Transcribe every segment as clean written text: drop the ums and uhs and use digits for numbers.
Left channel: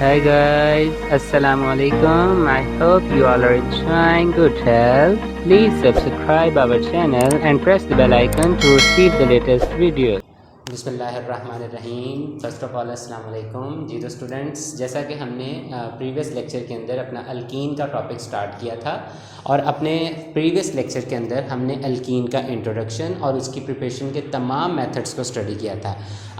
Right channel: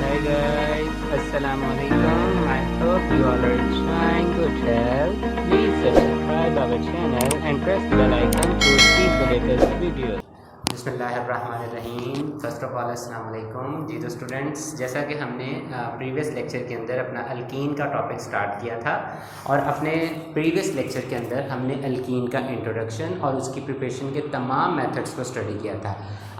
Hi guys, Assalamu alaikum. I hope you all are enjoying good health. Please subscribe our channel and press the bell icon to receive the latest videos. बिस्मिल्लाहिर्रहमानिर्रहीम। First of all अस्सलाम वालेकुम। जी तो students, जैसा कि हमने previous lecture के अंदर अपना अल्कीन का टॉपिक स्टार्ट किया था और अपने प्रीवियस लेक्चर के अंदर हमने अल्कीन का इंट्रोडक्शन और उसकी प्रिपरेशन के तमाम मेथड्स को स्टडी किया था।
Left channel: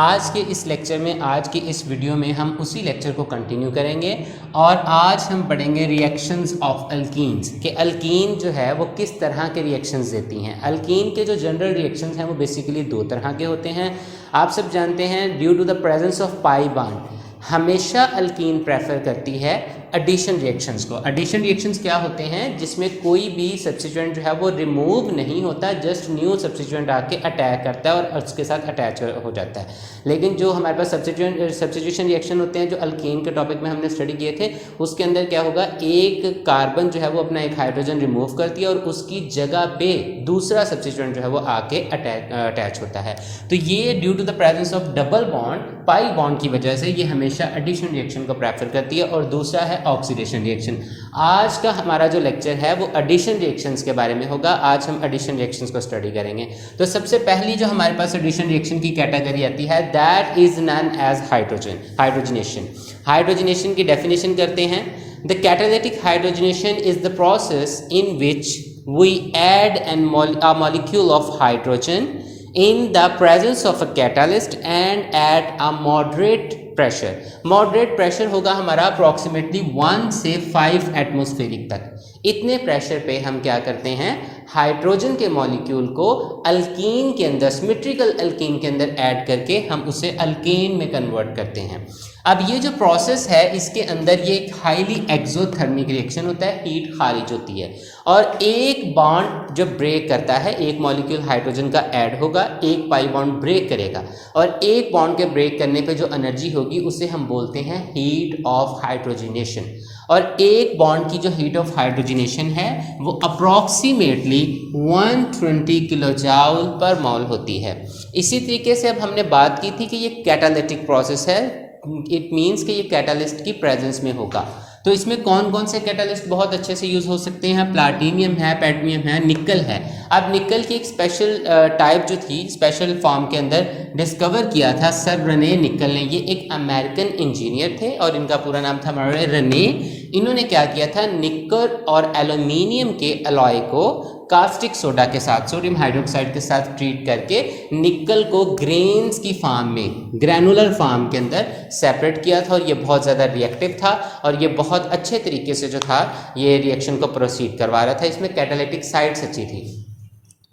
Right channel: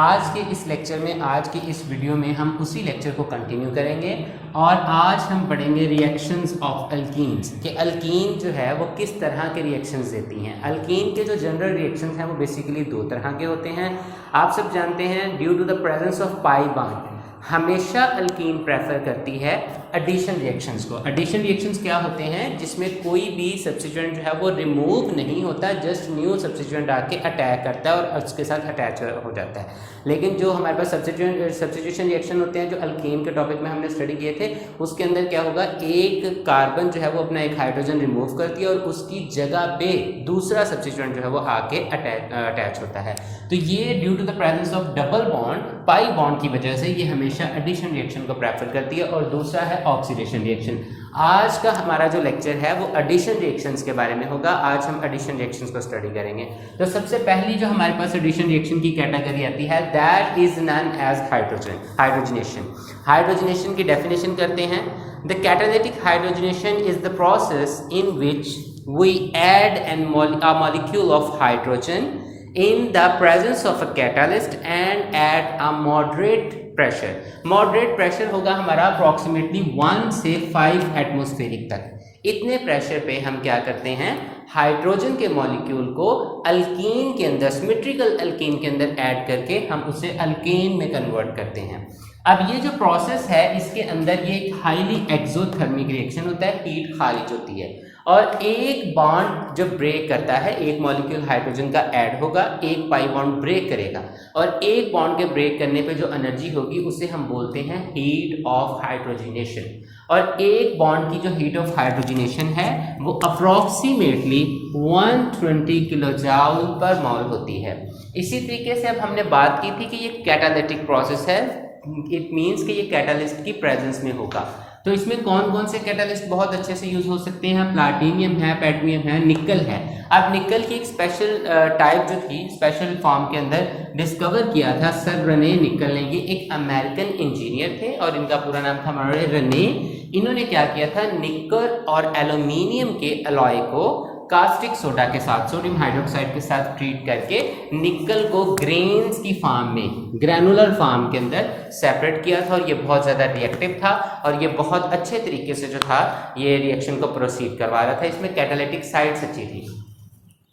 आज के इस लेक्चर में, आज की इस वीडियो में हम उसी लेक्चर को कंटिन्यू करेंगे और आज हम पढ़ेंगे रिएक्शंस ऑफ अल्कीन्स कि अल्कीन जो है वो किस तरह के रिएक्शंस देती हैं। अल्कीन के जो जनरल रिएक्शंस हैं वो बेसिकली दो तरह के होते हैं। आप सब जानते हैं, due to the presence of pi bond हमेशा अल्कीन प्रेफर करती है एडिशन रिएक्शंस को। एडिशन रिएक्शंस क्या होते हैं? जिसमें कोई भी सब्स्टिट्यूएंट जो है वो रिमूव नहीं होता, जस्ट न्यू सब्स्टिट्यूएंट आके अटैक करता है और उसके साथ अटैच हो जाता है। लेकिन जो हमारे पास सब्स्टिट्यूशन रिएक्शन होते हैं जो अल्कीन के टॉपिक में हमने स्टडी किए थे, उसके अंदर क्या होगा, एक कार्बन जो है वो अपना एक हाइड्रोजन रिमूव करती है और उसकी जगह पे दूसरा सब्स्टिट्यूएंट जो है वो आके अटैच होता है। तो ये due to the presence of double bond, pi bond की वजह से ये हमेशा एडिशन रिएक्शन को प्रेफर करती है। और दूसरा है ऑक्सीडेशन रिएक्शन। आज का हमारा जो लेक्चर है वो एडिशन रिएक्शंस के बारे में होगा। आज हम एडिशन रिएक्शंस को स्टडी करेंगे। तो सबसे पहली जो हमारे पास एडिशन रिएक्शन की कैटेगरी आती है, that is known as hydrogenation. Hydrogenation की डेफिनेशन करते हैं। The catalytic hydrogenation is the process in which we add a molecule of hydrogen in the presence of a catalyst and at a moderate pressure. Moderate pressure होगा हमारा approximately 1 से 5 atmospheric तक। इतने pressure पे हम क्या करते हैं, हाइड्रोजन के मॉलिक्यूल को अल्कीन के अंदर, सिमेट्रिकल अल्कीन के अंदर ऐड करके हम उसे अल्केन में कन्वर्ट करते हैं। अब ये जो प्रोसेस है इसके अंदर ये एक हाईली एक्सोथर्मिक रिएक्शन होता है, हीट खारिज होती है और एक बॉन्ड जो ब्रेक करता है, एक मॉलिक्यूल हाइड्रोजन का ऐड होगा, एक पाई बॉन्ड ब्रेक करेगा और एक बॉन्ड के ब्रेक करने पे जो एनर्जी होगी उसे हम बोलते हैं हीट ऑफ हाइड्रोजनेशन। और एक बॉन्ड की जो हीट ऑफ हाइड्रोजनेशन है वो अप्रॉक्सीमेटली 120 किलो जूल पर मोल होती है। इसी तरीके से अब हमने बात की थी कि ये कैटालिटिक प्रोसेस है, इट मीन्स कि ये कैटालिस्ट की प्रेजेंस में होगा। तो इसमें कौन कौन से कैटालिस्ट बहुत अच्छे से यूज़ हो सकते हैं? प्लाटिनियम है, पैडमियम है, निकल है। अब निकल की एक स्पेशल टाइप जो थी, स्पेशल फॉर्म के अंदर डिस्कवर किया था सर रेने निकल ने। ये एक अमेरिकन इंजीनियर थे और इनका पूरा नाम था रेने। इन्होंने क्या किया था, निकल और एल्यूमिनियम के अलॉय को कास्टिक सोडा के साथ, सोडियम हाइड्रोक्साइड के साथ ट्रीट करके निकल को ग्रेन्स की फॉर्म में, ग्रैनुलर फॉर्म के अंदर सेपरेट किया था और ये बहुत ज़्यादा रिएक्टिव था और ये बहुत अच्छे तरीके से जो था ये रिएक्शन को प्रोसीड करवा रहा था। इसमें कैटालिटिक साइड्स अच्छी थी।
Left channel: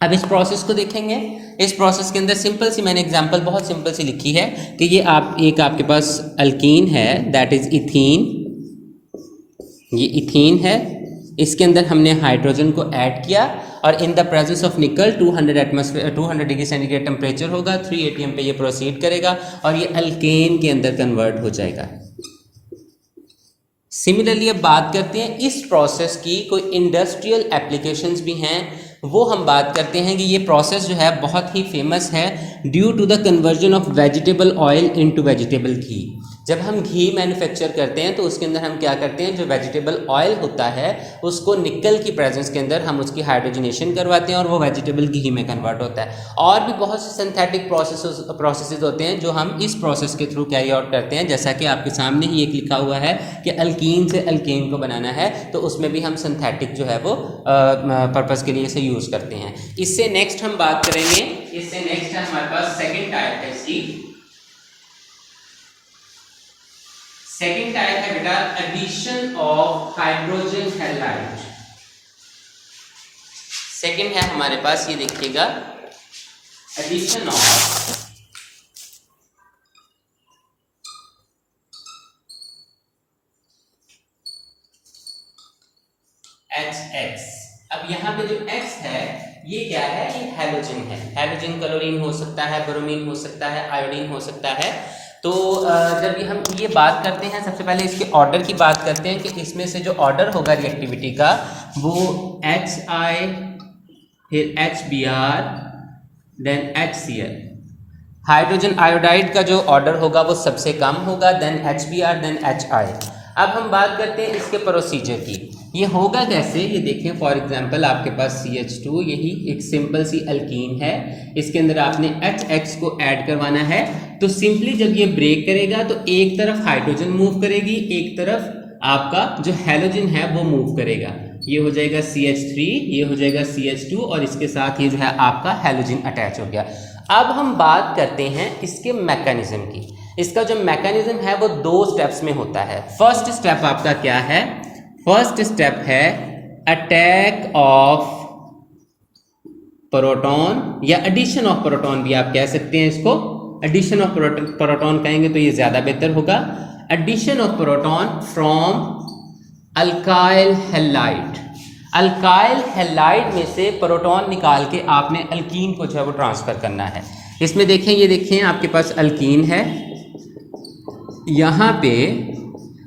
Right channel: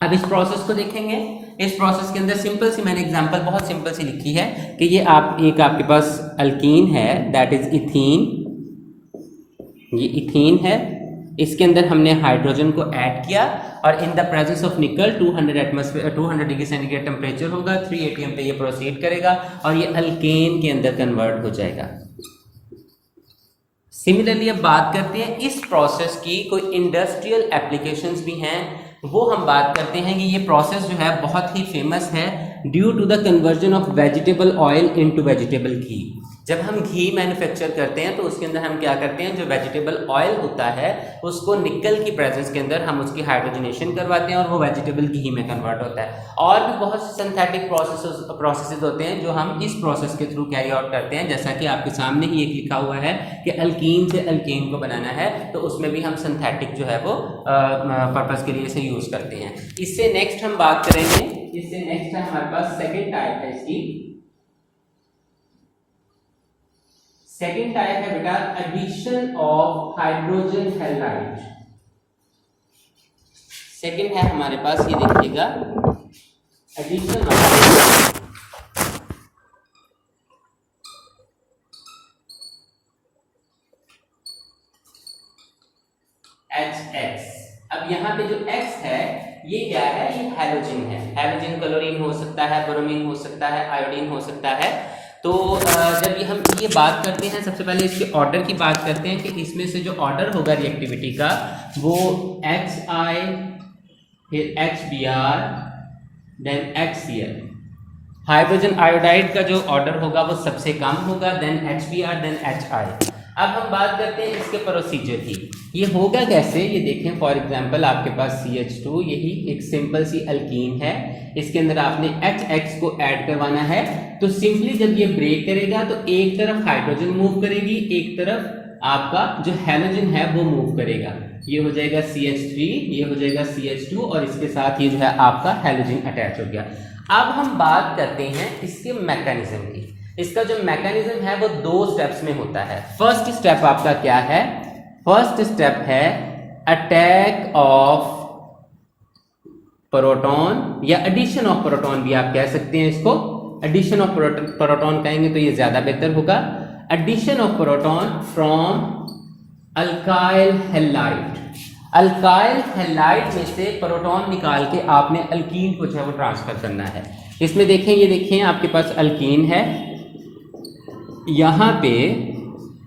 अब इस प्रोसेस को देखेंगे। इस प्रोसेस के अंदर सिंपल सी मैंने एग्जांपल बहुत सिंपल सी लिखी है कि ये आपके पास अल्कीन है, दैट इज इथीन। ये इथीन है, इसके अंदर हमने हाइड्रोजन को ऐड किया और इन द प्रेजेंस ऑफ निकल 200 डिग्री सेंटीग्रेड टेम्परेचर होगा, 3 atm पे ये प्रोसीड करेगा और ये अल्केन के अंदर कन्वर्ट हो जाएगा। सिमिलरली अब बात करते हैं इस प्रोसेस की कोई इंडस्ट्रियल एप्लीकेशंस भी हैं। वो हम बात करते हैं कि ये प्रोसेस जो है बहुत ही फेमस है due to the conversion of vegetable oil into vegetable ghee. जब हम घी मैन्युफैक्चर करते हैं तो उसके अंदर हम क्या करते हैं, जो वेजिटेबल ऑयल होता है उसको निकल की प्रेजेंस के अंदर हम उसकी हाइड्रोजनेशन करवाते हैं और वो वेजिटेबल घी में कन्वर्ट होता है। और भी बहुत से सिंथेटिक प्रोसेसेस होते हैं जो हम इस प्रोसेस के थ्रू कैरी आउट करते हैं। जैसा कि आपके सामने ही एक लिखा हुआ है कि अल्कीन से अल्केन को बनाना है, तो उसमें भी हम सिंथेटिक जो है वो पर्पज़ के लिए इसे यूज़ करते हैं। इससे नेक्स्ट हम बात करेंगे, इससे नेक्स्ट है हमारे पास सेकेंड टाइप है इसकी। सेकेंड टाइप है बेटा addition of hydrogen halide. Second है हमारे पास, ये देखिएगा, एडिशन ऑफ HX। अब यहाँ पे जो X है ये क्या है, ये हैलोजन है। हैलोजन क्लोरीन हो सकता है, ब्रोमीन हो सकता है, आयोडीन हो सकता है। तो जब हम ये बात करते हैं, सबसे पहले इसके ऑर्डर की बात करते हैं कि इसमें से जो ऑर्डर होगा रिएक्टिविटी का वो HI, फिर HBr, then HCl। Hydrogen iodide का जो ऑर्डर होगा वो सबसे कम होगा, देन HBr, देन HI। अब हम बात करते हैं इसके प्रोसीजर की। ये होगा कैसे, ये देखें। फॉर एग्जांपल आपके पास CH2, यही एक सिंपल सी अल्कीन है, इसके अंदर आपने HX को ऐड करवाना है। तो सिंपली जब ये ब्रेक करेगा तो एक तरफ हाइड्रोजन मूव करेगी, एक तरफ आपका जो हैलोजन है वो मूव करेगा। ये हो जाएगा CH3, ये हो जाएगा CH2 और इसके साथ ये जो है आपका हैलोजन अटैच हो गया। अब हम बात करते हैं इसके मैकेनिज्म की। इसका जो मैकेनिज्म है वो 2 स्टेप्स में होता है। फर्स्ट स्टेप आपका क्या है? फर्स्ट स्टेप है अटैक ऑफ प्रोटॉन या एडिशन ऑफ प्रोटॉन भी आप कह सकते हैं इसको। एडिशन ऑफ प्रोटॉन कहेंगे तो ये ज्यादा बेहतर होगा। Addition of proton from alkyl halide. Alkyl halide में से प्रोटॉन निकाल के आपने अल्कीन को जो है वो ट्रांसफर करना है। इसमें देखें, ये देखें आपके पास अल्कीन है, यहाँ पे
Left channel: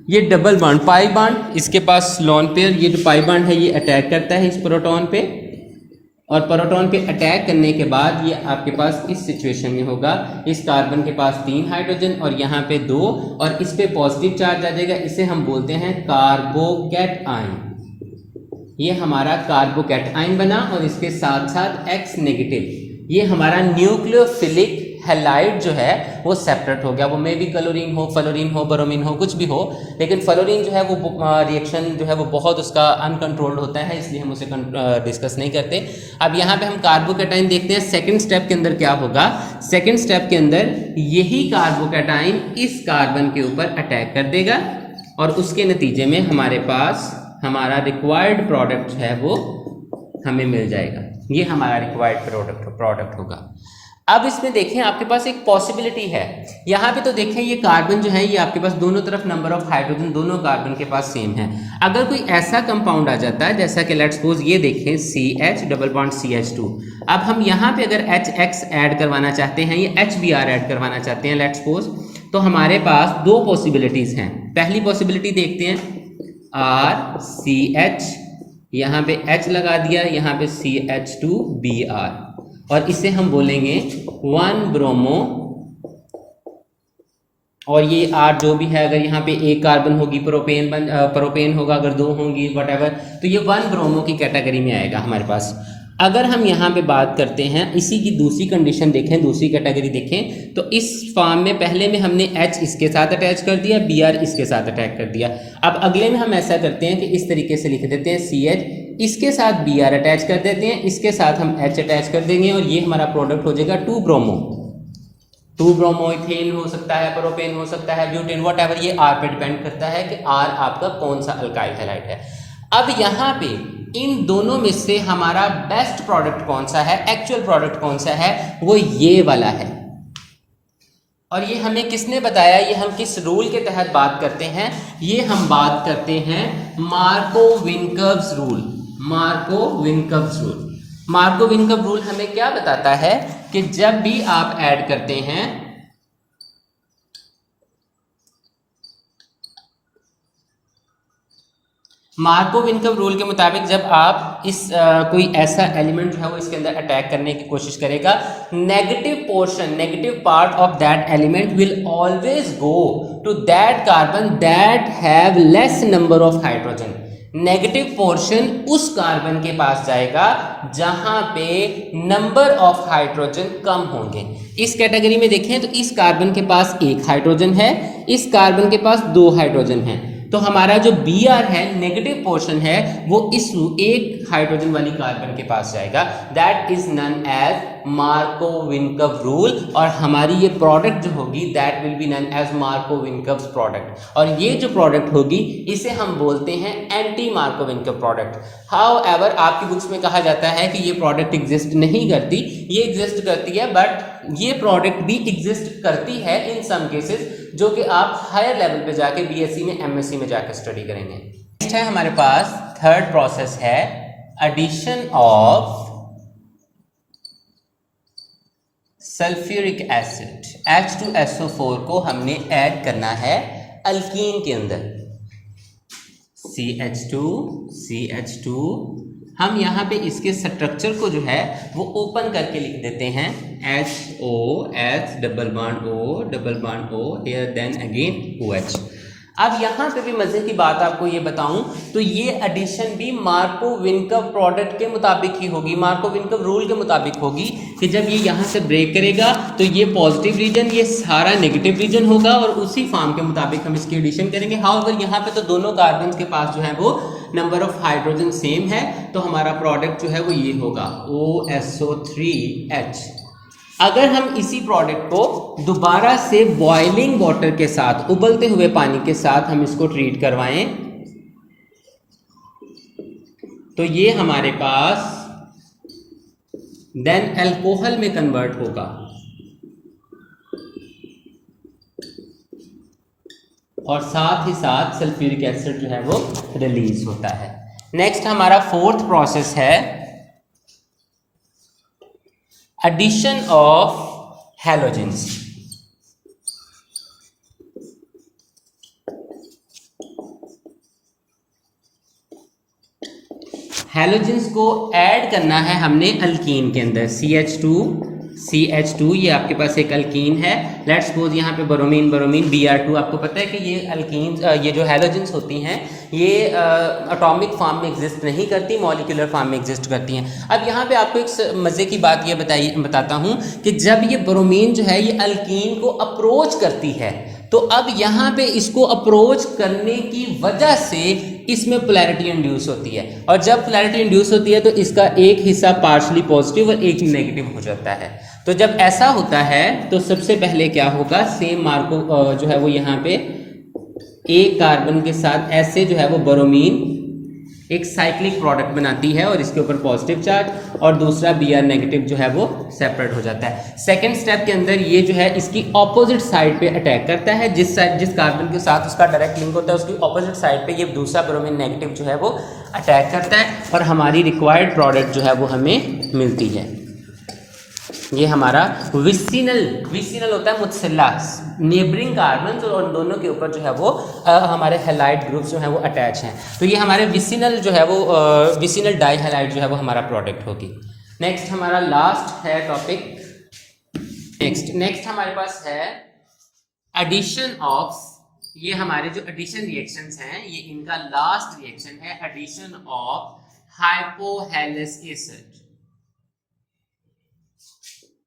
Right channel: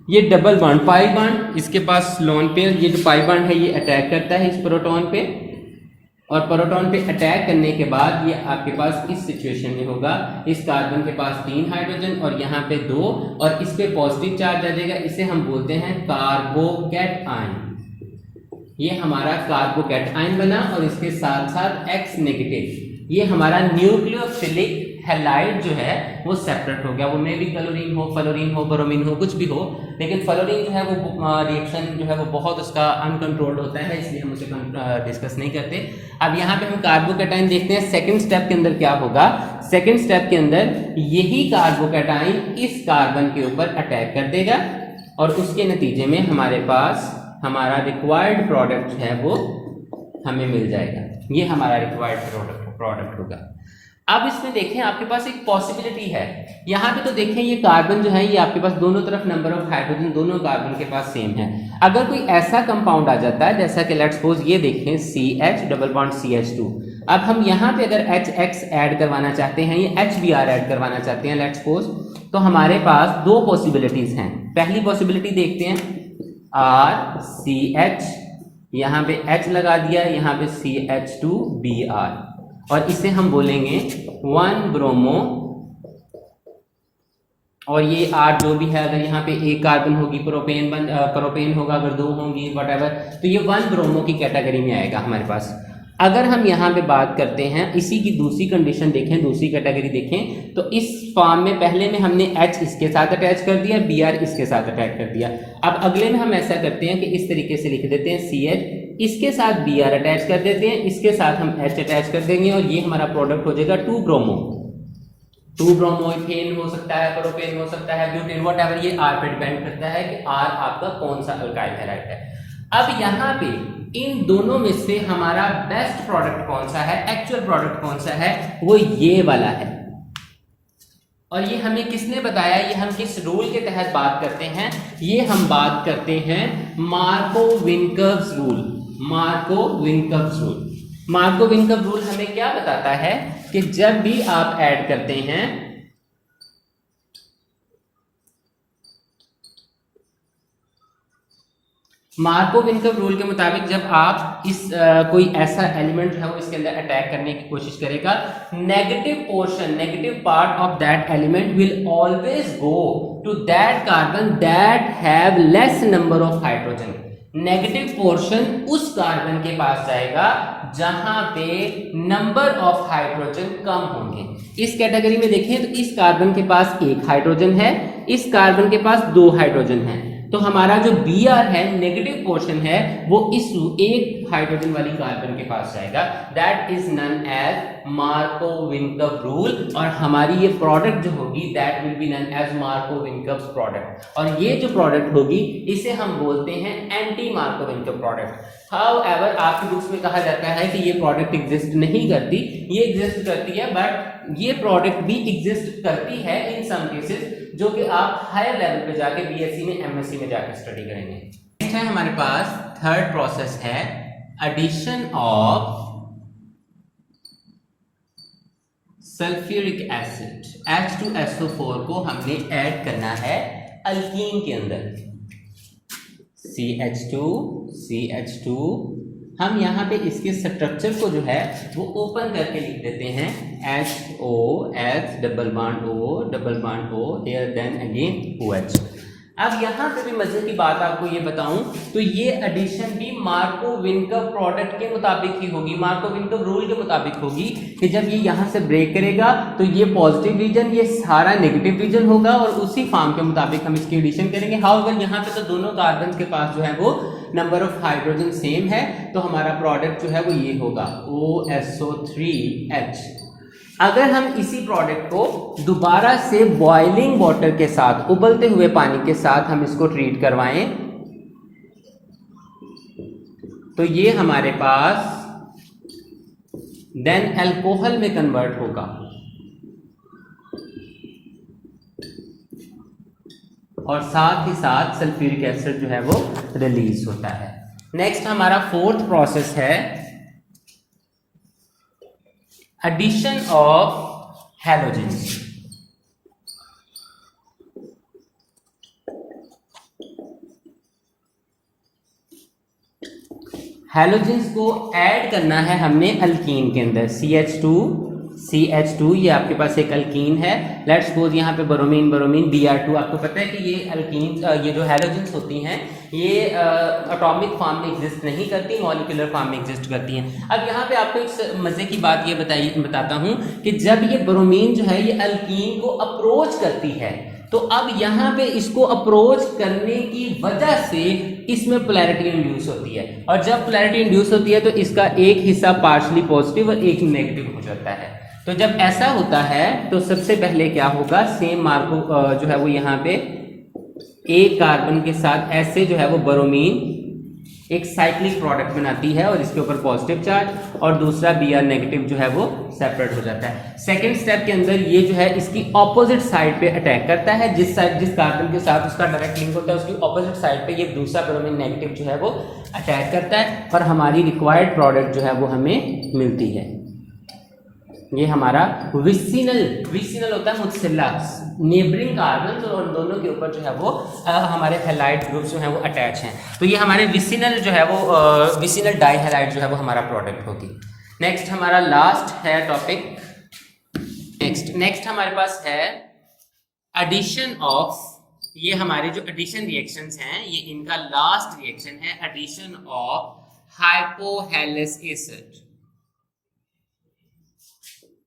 ये डबल बॉन्ड पाई बॉन्ड, इसके पास लोन पेयर, ये जो पाई बॉन्ड है ये अटैक करता है इस प्रोटॉन पे, और प्रोटॉन पे अटैक करने के बाद ये आपके पास इस सिचुएशन में होगा। इस कार्बन के पास 3 हाइड्रोजन और यहाँ पे 2, और इस पे पॉजिटिव चार्ज आ जाएगा। इसे हम बोलते हैं कार्बोकैटायन। ये हमारा कार्बोकैटायन बना और इसके साथ साथ X नेगेटिव, ये हमारा न्यूक्लियोफिलिक हैलाइड जो है वो सेपरेट हो गया। वो मे भी क्लोरीन हो, फ्लोरीन हो, ब्रोमीन हो, कुछ भी हो, लेकिन फ्लोरीन जो है वो रिएक्शन जो है वो बहुत उसका अनकंट्रोल्ड होता है, इसलिए हम उसे डिस्कस नहीं करते। अब यहाँ पे हम कार्बोकैटायन देखते हैं। सेकंड स्टेप के अंदर क्या होगा? सेकंड स्टेप के अंदर यही कार्बोकैटायन इस कार्बन के ऊपर अटैक कर देगा और उसके नतीजे में हमारे पास हमारा रिक्वायर्ड प्रोडक्ट जो है वो हमें मिल जाएगा। ये हमारा रिक्वायर्ड प्रोडक्ट होगा। अब इसमें देखें आपके पास एक पॉसिबिलिटी है। यहाँ पे तो देखें ये कार्बन जो है ये आपके पास दोनों तरफ नंबर ऑफ हाइड्रोजन दोनों कार्बन के पास सेम है। अगर कोई ऐसा कंपाउंड आ जाता है जैसा कि लेट्स सपोज ये देखें CH डबल बॉन्ड CH2, अब हम यहाँ पे अगर HX ऐड करवाना चाहते हैं, ये HBr ऐड करवाना चाहते हैं लेट्स सपोज, तो हमारे पास 2 पॉसिबिलिटीज हैं। पहली पॉसिबिलिटी देखते हैं, RCH, यहाँ पे H लगा दिया, यहाँ पे CH2Br, और इसे हम बोलेंगे 1 ब्रोमो, और ये R जो भी है, अगर यहाँ पे एक कार्बन होगी प्रोपेन होगा, अगर 2 होंगी वटएवर, तो ये 1 ब्रोमो की कैटेगरी में आएगा हमारे पास। अगर हम यहाँ पे बात करते हैं इसी की दूसरी कंडीशन देखें, दूसरी कैटेगरी देखें, तो इस फॉर्म में पहले में हमने H इसके साथ अटैच कर दिया, Br इसके साथ अटैच कर दिया। अब अगले में हम ऐसा करते हैं कि इस तरीके से लिख देते हैं, CH इसके साथ Br अटैच कर देते हैं, इसके साथ हम H अटैच कर देंगे, और ये हमारा प्रोडक्ट हो जाएगा 2 ब्रोमो। 2 ब्रोमो इथेन हो सकता है, प्रोपेन हो सकता है, ब्यूटेन, व्हाटएवर, ये R पे डिपेंड करता है कि R आपका कौन सा अल्काइल हैलाइड है। अब यहाँ पे इन दोनों में से हमारा बेस्ट प्रोडक्ट कौन सा है, एक्चुअल प्रोडक्ट कौन सा है, वो ये वाला है। और ये हमें किसने बताया, ये हम किस रूल के तहत बात करते हैं? ये हम बात करते हैं मार्कोविनकव्स रूल। मार्कोविनकव्स रूल, मार्कोविनकव रूल हमें क्या बताता है कि जब भी आप ऐड करते हैं, मार्कोविनकव रूल के मुताबिक जब आप इस कोई ऐसा एलिमेंट जो है वो इसके अंदर अटैक करने की कोशिश करेगा, negative portion, negative part of that element will always go to that carbon that have less number of hydrogen. Negative portion उस कार्बन के पास जाएगा जहां पे नंबर ऑफ हाइड्रोजन कम होंगे। इस कैटेगरी में देखें तो इस कार्बन के पास 1 हाइड्रोजन है, इस कार्बन के पास 2 हाइड्रोजन है, तो हमारा जो Br है नेगेटिव पोर्शन है वो इस 1 हाइड्रोजन वाली कार्बन के पास जाएगा। That is non as Markovnikov rule, और हमारी ये प्रोडक्ट जो होगी that will be non as Markovnikov's product. और ये जो प्रोडक्ट होगी इसे हम बोलते हैं एंटी मार्कोविनकव प्रोडक्ट। हाउएवर आपकी बुक्स में कहा जाता है कि ये प्रोडक्ट एग्जिस्ट नहीं करती, ये एग्जिस्ट करती है, बट ये प्रोडक्ट भी एग्जिस्ट करती है इन सम केसेस, जो कि आप हायर लेवल पे जाके BSc में MSc में जाके स्टडी करेंगे। नेक्स्ट है हमारे पास थर्ड प्रोसेस है addition of sulphuric acid. H2SO4 को हमने ऐड करना है अल्कीन के अंदर। CH2 हम यहाँ पे इसके स्ट्रक्चर को जो है वो ओपन करके लिख देते हैं HOH double bond O here then again OH। अब यहाँ पे भी मजे की बात आपको ये बताऊं तो ये एडिशन भी मार्कोव-विनकव प्रोडक्ट के मुताबिक ही होगी, मार्कोव-विनकव रूल के मुताबिक होगी कि जब ये यहाँ से ब्रेक करेगा तो ये पॉजिटिव रीजन, ये सारा नेगेटिव रीजन होगा और उसी फॉर्म के मुताबिक हम इसकी एडिशन करेंगे। हाउएवर यहाँ पे तो दोनों कार्बन के पास जो है वो नंबर ऑफ हाइड्रोजन सेम है, तो हमारा प्रोडक्ट जो है वो ये होगा OSO3H। अगर हम इसी प्रोडक्ट को दोबारा से बॉइलिंग वाटर के साथ, उबलते हुए पानी के साथ हम इसको ट्रीट करवाएं तो ये हमारे पास देन अल्कोहल में कन्वर्ट होगा और साथ ही साथ सल्फ्यूरिक एसिड जो है वो रिलीज होता है। नेक्स्ट हमारा फोर्थ प्रोसेस है एडिशन ऑफ हैलोजेंस। हैलोजेंस को ऐड करना है हमने अल्कीन के अंदर। CH2 ये आपके पास एक अल्कीन है। लेट्स सपोज यहाँ पे ब्रोमीन Br2। आपको पता है कि ये अल्कीन, ये जो हैलोजेंस होती हैं ये एटॉमिक फॉर्म में एग्जिस्ट नहीं करती, मॉलिक्यूलर फॉर्म में एग्जिस्ट करती हैं। अब यहाँ पे आपको एक मज़े की बात ये बताता हूँ कि जब ये ब्रोमीन जो है ये अल्कीन को अप्रोच करती है तो अब यहाँ पे इसको अप्रोच करने की वजह से इसमें पोलैरिटी इंड्यूस होती है और जब पोलैरिटी इंड्यूस होती है तो इसका एक हिस्सा पार्शली पॉजिटिव और एक नेगेटिव हो जाता है। तो जब ऐसा होता है तो सबसे पहले क्या होगा, सेम मार्को जो है वो यहाँ पे एक कार्बन के साथ ऐसे जो है वो ब्रोमीन एक साइक्लिक प्रोडक्ट बनाती है और इसके ऊपर पॉजिटिव चार्ज और दूसरा Br नेगेटिव जो है वो सेपरेट हो जाता है। सेकेंड स्टेप के अंदर ये जो है इसकी ऑपोजिट साइड पे अटैक करता है, जिस कार्बन के साथ उसका डायरेक्ट लिंक होता है उसकी ऑपोजिट साइड पे ये दूसरा ब्रोमीन नेगेटिव जो है वो अटैक करता है और हमारी रिक्वायर्ड प्रोडक्ट जो है वो हमें मिलती है। ये हमारा विसिनल होता है मुत्सिला, नेबरिंग कार्बन और दोनों के ऊपर जो है वो हमारे हैलाइड ग्रुप्स जो है वो अटैच हैं। तो ये हमारे विसिनल जो है वो विसिनल डाइहैलाइड जो है वो हमारा प्रोडक्ट होगी। नेक्स्ट हमारा लास्ट है टॉपिक। नेक्स्ट हमारे पास है एडिशन ऑफ, ये हमारे जो एडिशन रिएक्शंस हैं ये इनका लास्ट रिएक्शन है, addition of hypohalous acid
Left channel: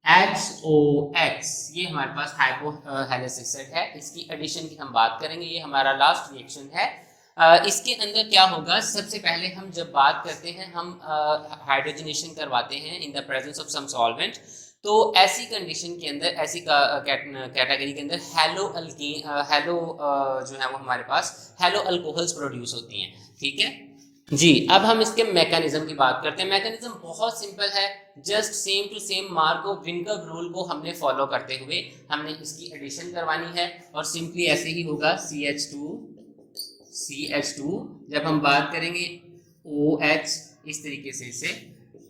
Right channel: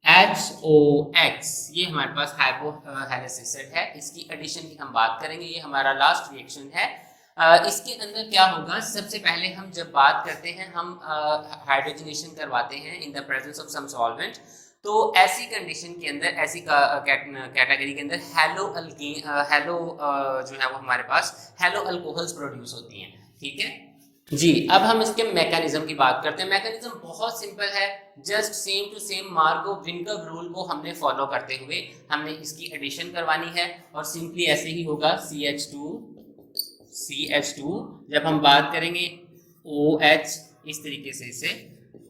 HOX। ये हमारे पास हाइपोहेलस एसिड है, इसकी एडिशन की हम बात करेंगे। ये हमारा लास्ट रिएक्शन है। इसके अंदर क्या होगा, सबसे पहले हम जब बात करते हैं हम हाइड्रोजनेशन करवाते हैं in the presence of some solvent, तो ऐसी कंडीशन के अंदर, ऐसी कैटेगरी के अंदर हेलो जो है वो हमारे पास हेलो अल्कोहल्स प्रोड्यूस होती हैं। ठीक है जी। अब हम इसके मैकेनिज्म की बात करते हैं। मैकेनिज्म बहुत सिंपल है, just same to same Markovnikov rule को हमने फॉलो करते हुए हमने इसकी एडिशन करवानी है और सिंपली ऐसे ही होगा CH2 जब हम बात करेंगे OH इस तरीके से इसे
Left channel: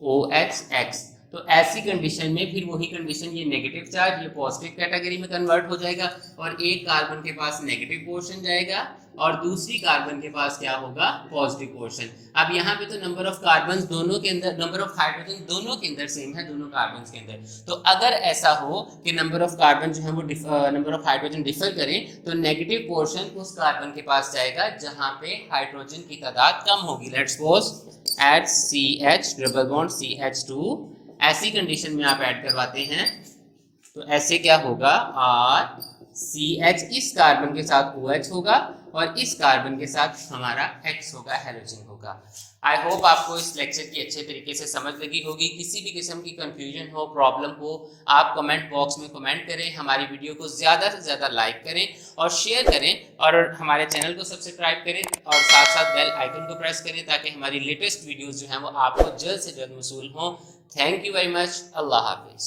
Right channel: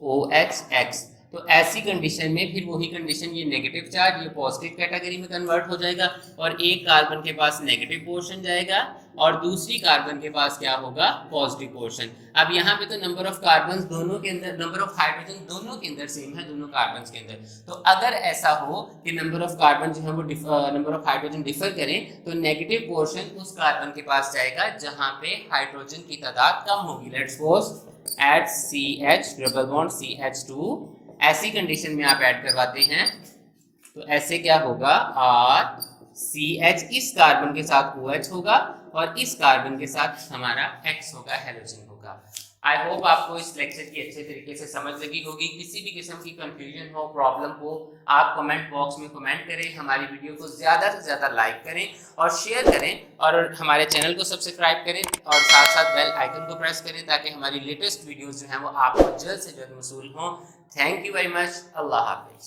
OHX, तो ऐसी कंडीशन में फिर वही कंडीशन, ये नेगेटिव चार्ज ये पॉजिटिव कैटेगरी में कन्वर्ट हो जाएगा और एक कार्बन के पास नेगेटिव पोर्शन जाएगा और दूसरी कार्बन के पास क्या होगा, पॉजिटिव पोर्शन। अब यहाँ पे तो नंबर ऑफ कार्बन दोनों के अंदर, नंबर ऑफ हाइड्रोजन दोनों के अंदर सेम है, दोनों कार्बन के अंदर। तो अगर ऐसा हो कि नंबर ऑफ कार्बन जो है वो नंबर ऑफ हाइड्रोजन डिफर करें तो नेगेटिव पोर्शन उस कार्बन के पास जाएगा जहाँ पे हाइड्रोजन की तादाद कम होगी। Let's suppose at CH double bond CH2, ऐसी कंडीशन में आप ऐड करवाते हैं तो ऐसे क्या होगा, CH इस कार्बन के साथ OH होगा और इस कार्बन के साथ हमारा X होगा, हैलोजन होगा। आई होप आपको इस लेक्चर की अच्छे तरीके से समझ लगी होगी। किसी भी किस्म की कंफ्यूजन हो, प्रॉब्लम हो, आप कमेंट बॉक्स में कमेंट करें, हमारी वीडियो को ज़्यादा से ज़्यादा लाइक करें और शेयर करें और हमारे चैनल को सब्सक्राइब करें और साथ साथ बेल आइकन को प्रेस करें ताकि हमारी लेटेस्ट वीडियोज़ जो हैं वो आपको जल्द से जल्द मौसूल हों। Thank you very much. अल्लाह हाफिज़।